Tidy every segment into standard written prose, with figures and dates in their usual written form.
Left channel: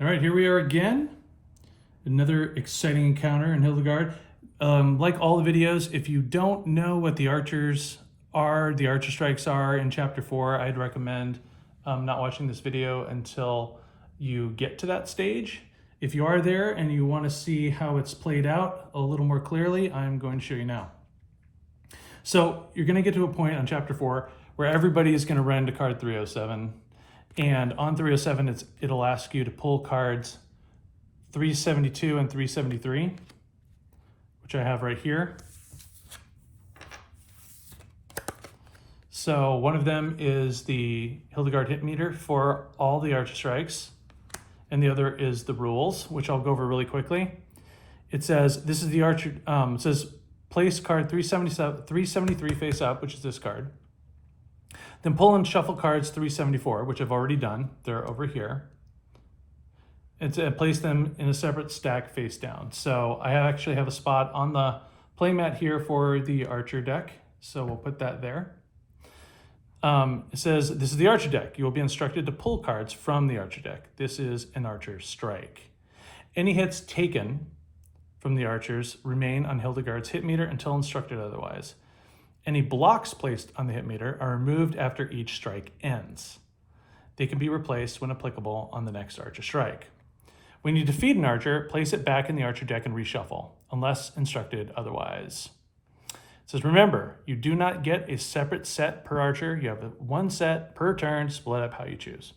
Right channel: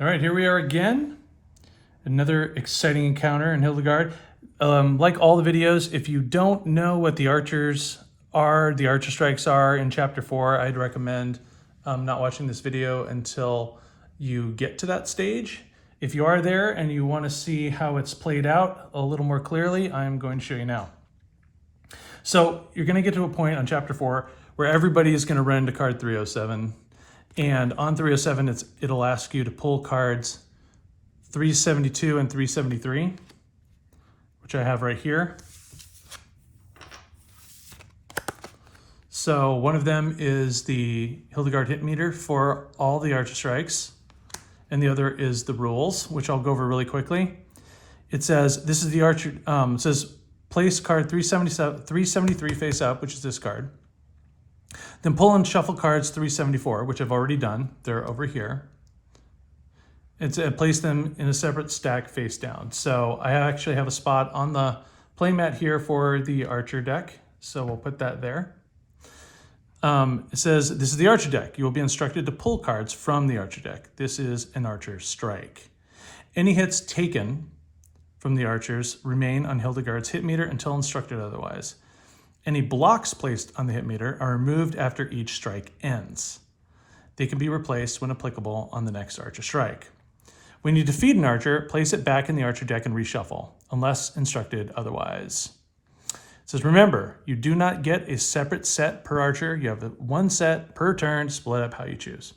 All right, here we are again. Another exciting encounter in Hildegard. Like all the videos, if you don't know what the archers are, the archer strikes are in chapter 4, I'd recommend not watching this video until you get to that stage. If you are there and you want to see how it's played out a little more clearly, I'm going to show you now. So you're going to get to a point on chapter 4 where everybody is going to run into card 307. And on 307, it'll ask you to pull cards 372 and 373, which I have right here. So one of them is the Hildegard hit meter for all the archer strikes, and the other is the rules, which I'll go over really quickly. It says, this is the archer, it says place card 373 face up, which is this card. Then pull and shuffle cards 374, which I've already done. They're over here. Place them in a separate stack face down. So I actually have a spot on the playmat here for the archer deck. So we'll put that there. It says, this is the archer deck. You will be instructed to pull cards from the archer deck. This is an archer strike. Any hits taken from the archers remain on Hildegard's hit meter until instructed otherwise. Any blocks placed on the hit meter are removed after each strike ends. They can be replaced when applicable on the next archer strike. When you defeat an archer, place it back in the archer deck and reshuffle, unless instructed otherwise. It says, remember, you do not get a separate set per archer. You have one set per turn, split up how you choose.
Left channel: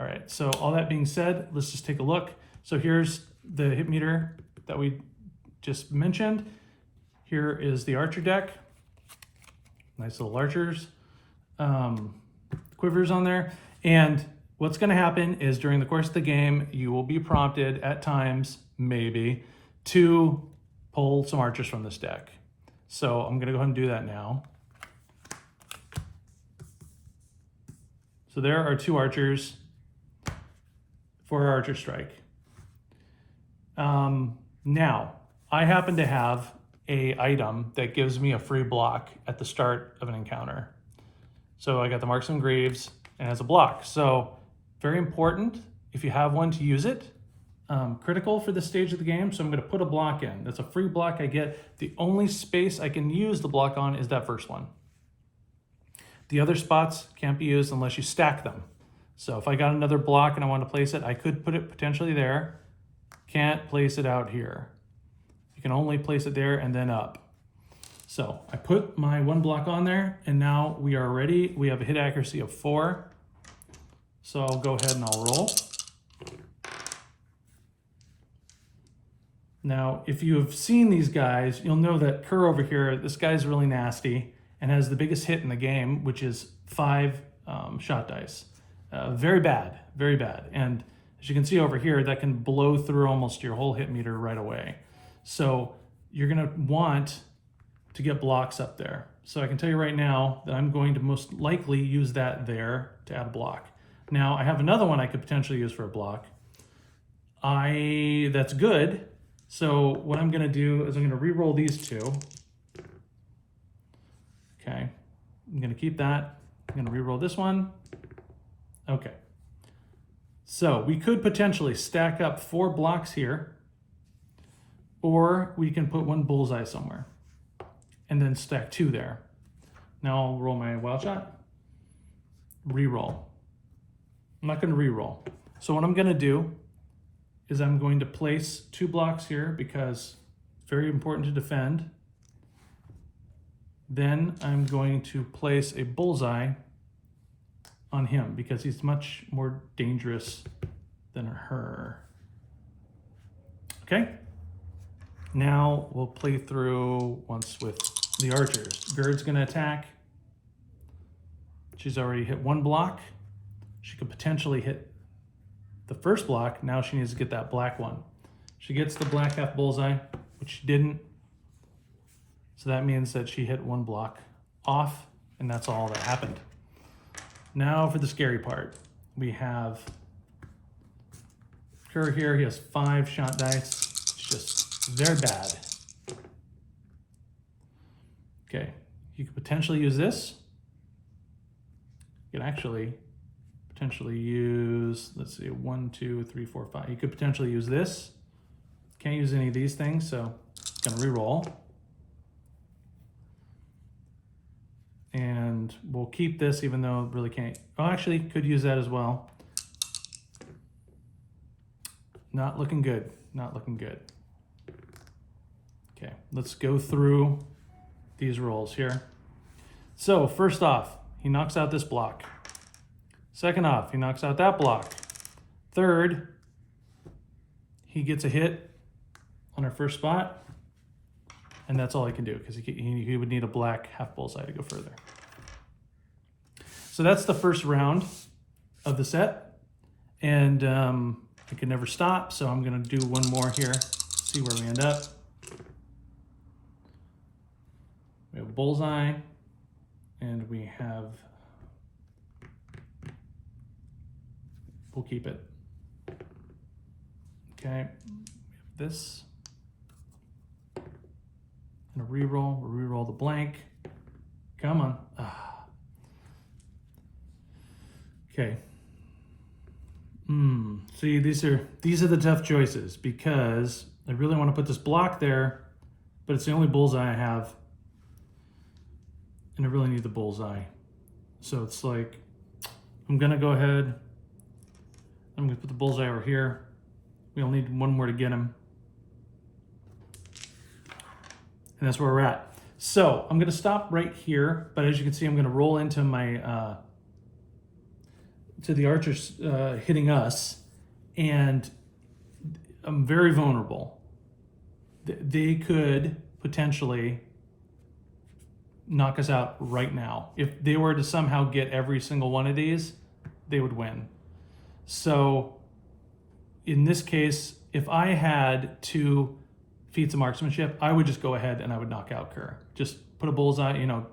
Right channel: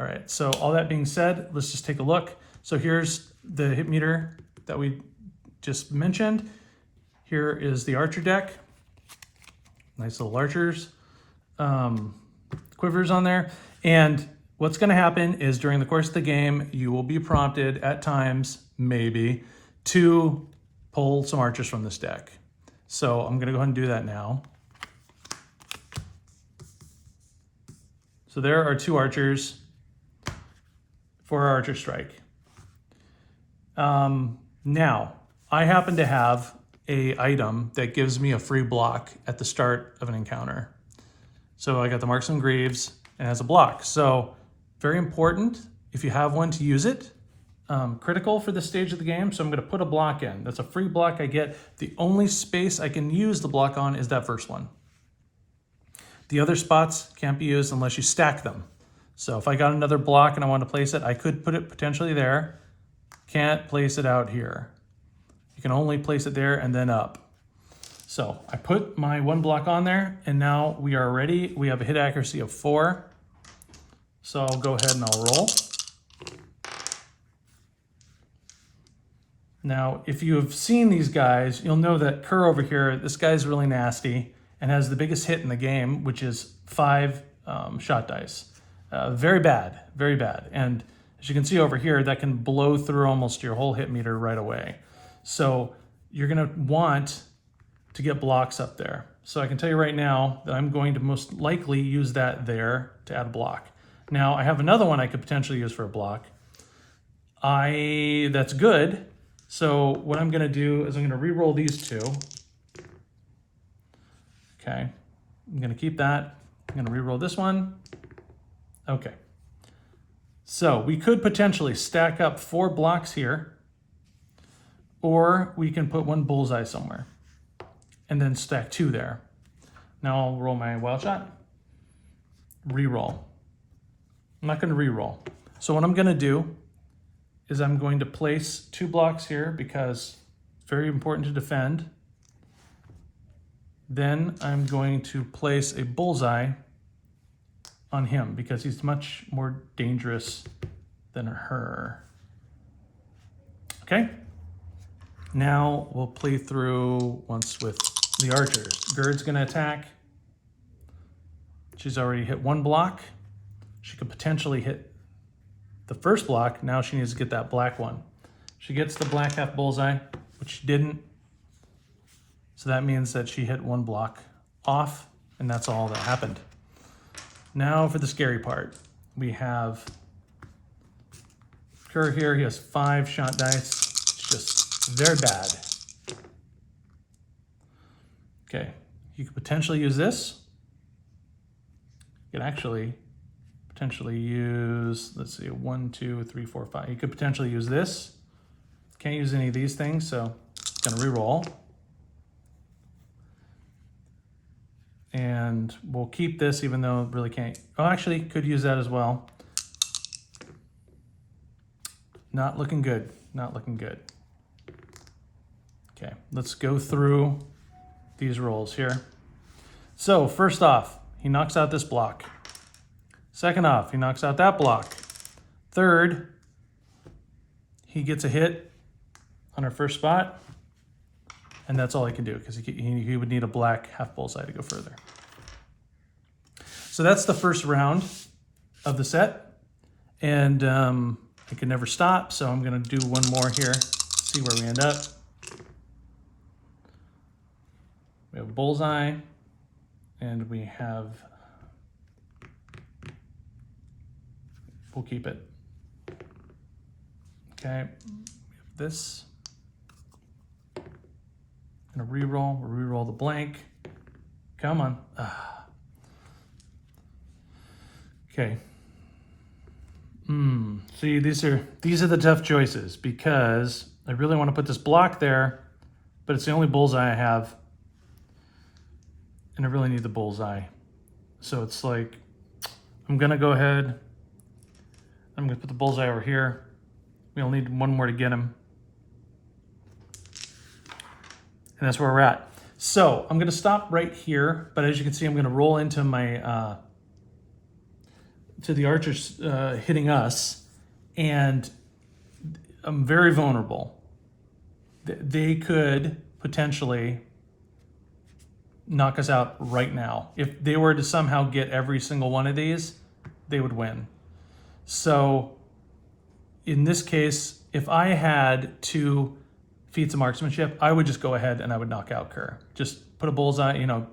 All right, so all that being said, let's just take a look. So here's the hit meter that we just mentioned. Here is the archer deck. Nice little archers, quivers on there. And what's going to happen is during the course of the game, you will be prompted at times, maybe, to pull some archers from this deck. So I'm going to go ahead and do that now. So there are two archers for our archer strike. Now, I happen to have a item that gives me a free block at the start of an encounter. So I got the Marks and Graves and it has a block. So very important if you have one to use it. Critical for this stage of the game. So I'm going to put a block in. That's a free block I get. The only space I can use the block on is that first one. The other spots can't be used unless you stack them. So if I got another block and I want to place it, I could put it potentially there. Can't place it out here. You can only place it there and then up. So I put my one block on there and now we are ready. We have a hit accuracy of 4. So I'll go ahead and I'll roll. Now, if you've seen these guys, you'll know that Kerr over here, this guy's really nasty and has the biggest hit in the game, which is 5 shot dice. Very bad, very bad. And as you can see over here, that can blow through almost your whole hit meter right away. So you're going to want to get blocks up there. So I can tell you right now that I'm going to most likely use that there to add a block. Now I have another one I could potentially use for a block. That's good. So what I'm going to do is I'm going to re-roll these two. Okay, I'm going to keep that. I'm going to re-roll this one. Okay. So we could potentially stack up 4 blocks here, or we can put one bullseye somewhere and then stack 2 there. Now I'll roll my wild shot, re-roll. I'm not going to re-roll. So what I'm going to do is I'm going to place 2 blocks here because it's very important to defend. Then I'm going to place a bullseye on him because he's much more dangerous than her. Okay. Now we'll play through once with the archers. Gerd's going to attack. She's already hit 1 block. She could potentially hit the first block. Now she needs to get that black one. She gets the black half bullseye, which she didn't. So that means that she hit 1 block off, and that's all that happened. Now for the scary part. We have Kerr here. He has 5 shot dice. It's just very bad. Okay, you could potentially use this. You can actually potentially use, let's see, 1, 2, 3, 4, 5. You could potentially use this. Can't use any of these things, so I'm gonna re-roll. And we'll keep this even though it really can't. Oh, actually, could use that as well. Not looking good, not looking good. Okay, let's go through these rolls here. So first off, he knocks out this block. Second off, he knocks out that block. Third, he gets a hit on our first spot, and that's all he can do because he would need a black half bullseye to go further. So that's the first round of the set, and it can never stop, so I'm going to do one more here, see where we end up. We have a bullseye, and we have, we'll keep it. Okay, we have this. I'm gonna re-roll, we'll re-roll the blank. Come on. Okay. See, these are the tough choices because I really want to put this block there, but it's the only bullseye I have. And I really need the bullseye. So it's like, I'm gonna go ahead. I'm gonna put the bullseye over here. We'll need one more to get him. And that's where we're at. So I'm gonna stop right here, but as you can see, I'm gonna roll into my, to the archers hitting us, and I'm very vulnerable. They could potentially knock us out right now. If they were to somehow get every single one of these, they would win. So in this case, if I had 2 feats of marksmanship, I would just go ahead and I would knock out Kerr. Just put a bullseye, you know,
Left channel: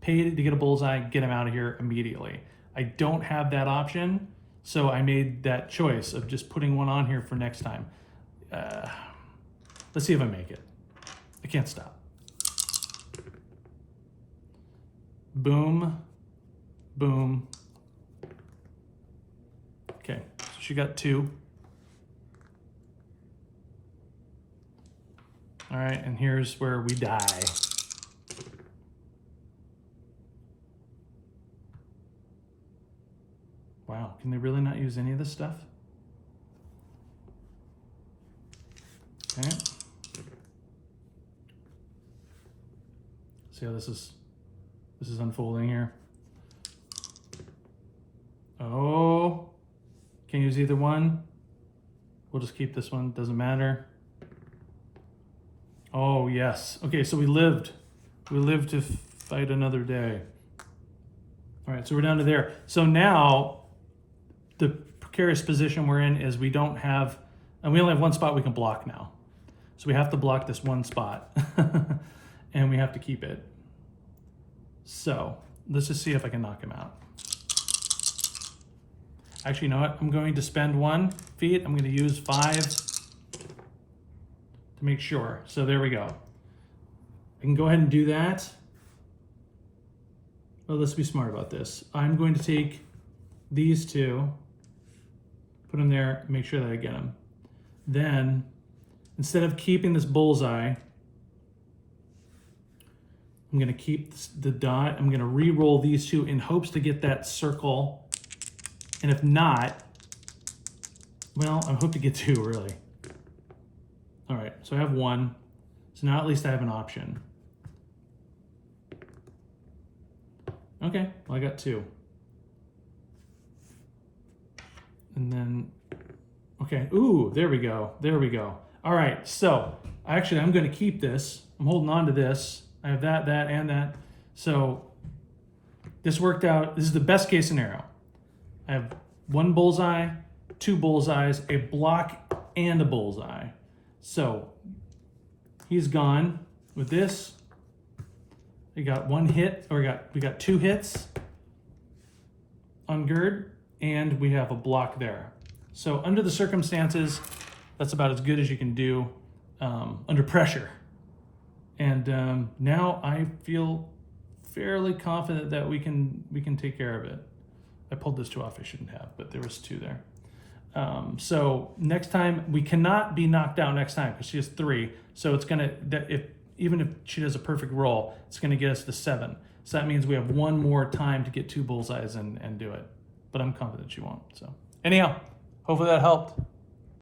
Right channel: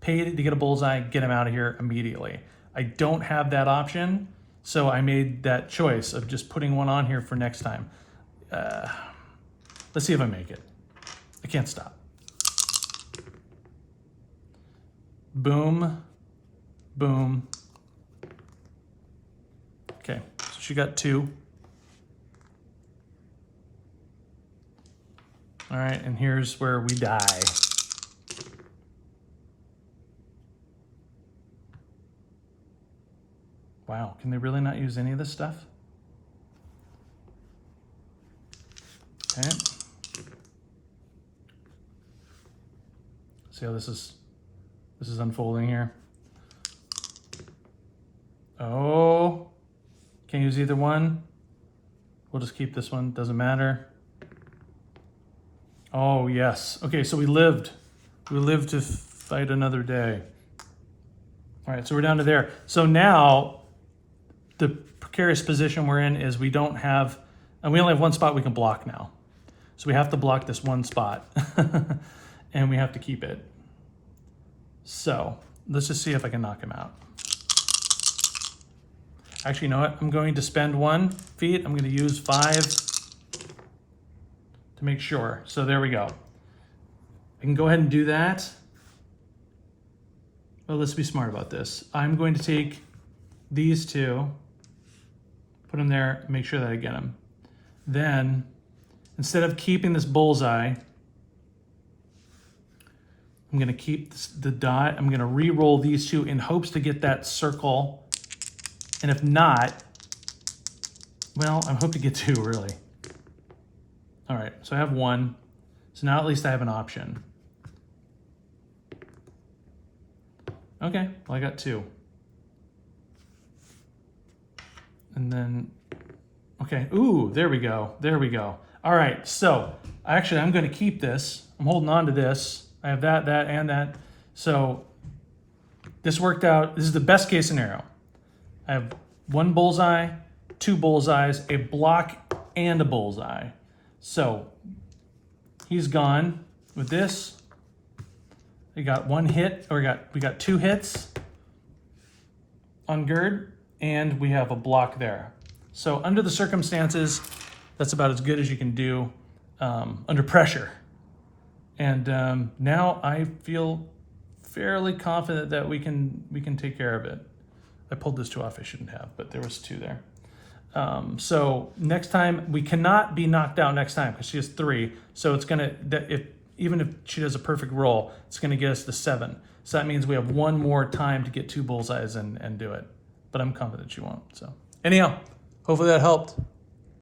pay to get a bullseye, get him out of here immediately. I don't have that option, so I made that choice of just putting one on here for next time. Let's see if I make it. I can't stop. Boom, boom. Okay, so she got 2. All right, and here's where we die. Wow, can they really not use any of this stuff? Okay. See how this is unfolding here. Oh, can't use either one. We'll just keep this one, doesn't matter. Oh yes, okay, so we lived to fight another day. All right, so we're down to there. So now the precarious position we're in is we don't have, and we only have one spot we can block now. So we have to block this one spot and we have to keep it. So let's just see if I can knock him out. Actually, you know what? I'm going to spend 1 feat. I'm going to use 5 to make sure. So there we go. I can go ahead and do that. Well, let's be smart about this. I'm going to take these 2, put them there, make sure that I get them. Then, instead of keeping this bullseye, I'm gonna keep the dot. I'm gonna re-roll these 2 in hopes to get that circle. And if not, well, I hope to get 2 really. All right, so I have 1. So now at least I have an option. Okay, well I got 2. And then, okay, ooh, there we go, there we go. All right, so actually I'm gonna keep this. I'm holding on to this. I have that, and that. So this worked out. This is the best case scenario. I have 1 bullseye, 2 bullseyes, a block, and a bullseye. So he's gone with this. We got 1 hit, or we got 2 hits on Gerd, and we have a block there. So under the circumstances, that's about as good as you can do under pressure. And now I feel fairly confident that we can take care of it. I pulled those two off I shouldn't have, but there was two there. So next time, we cannot be knocked out next time because she has 3. So it's gonna, even if she does a perfect roll, it's gonna get us to 7. So that means we have one more time to get 2 bullseyes and do it. But I'm confident she won't. So anyhow, hopefully that helped.